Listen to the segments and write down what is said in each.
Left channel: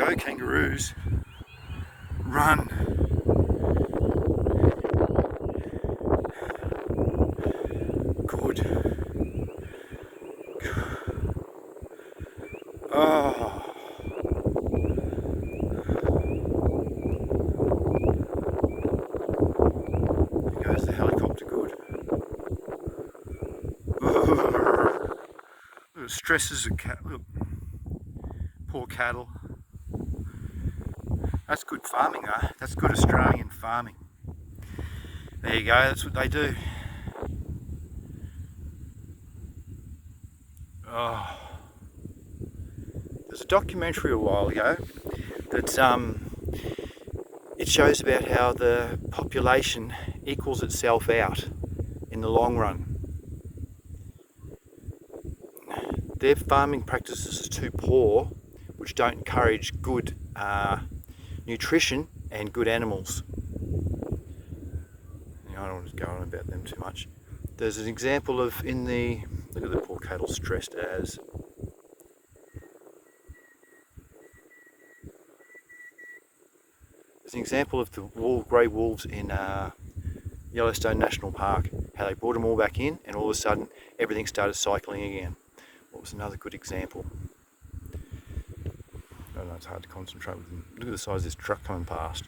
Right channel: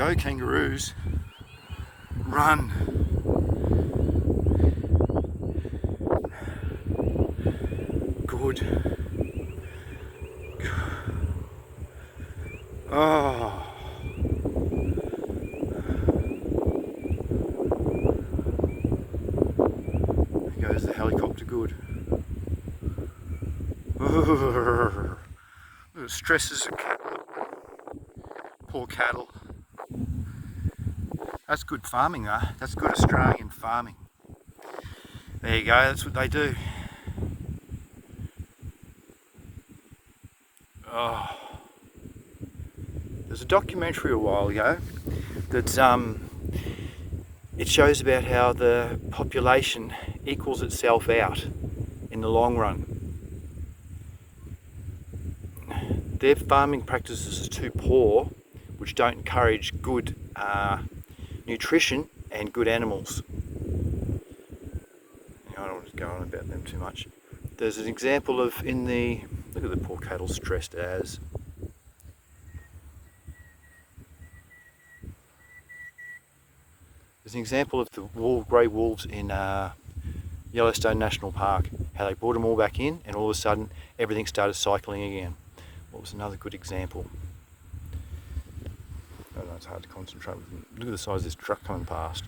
Go kangaroos. Run. Good. Oh. There goes the helicopter. Good. The stresses of cattle. Poor cattle. That's good farming though. That's good Australian farming. There you go, that's what they do. Oh. There's a documentary a while ago that it shows about how the population equals itself out in the long run. Their farming practices are too poor, which don't encourage good nutrition and good animals. I don't want to go on about them too much. There's an example of look at the poor cattle stressed as. There's an example of the grey wolves in Yellowstone National Park, how they brought them all back in and all of a sudden everything started cycling again. What was another good example? I don't know, it's hard to concentrate with them. Look at the size of this truck coming past.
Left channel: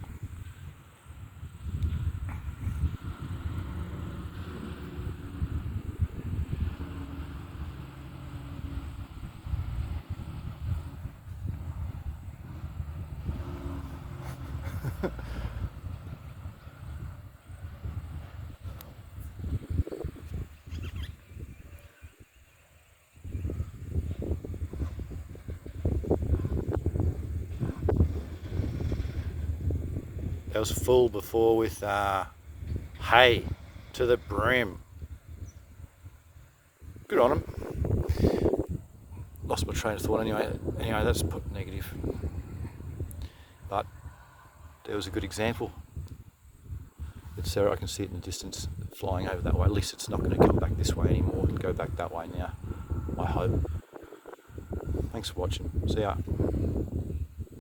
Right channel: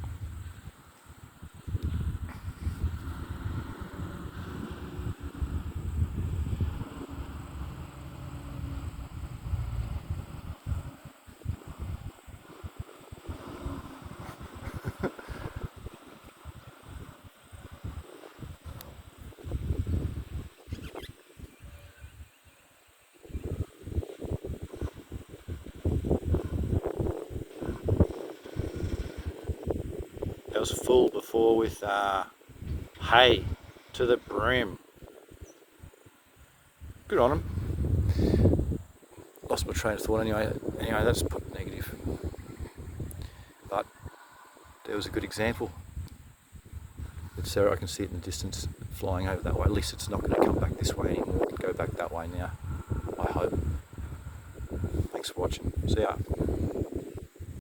It was full before with hay to the brim. Good on them. Lost my train of thought anyway. Anyway, that's put negative. But there was a good example. It's I can see it in the distance flying over that way. At least it's not going to come back this way anymore. It'll go back that way now, I hope. Thanks for watching. See ya.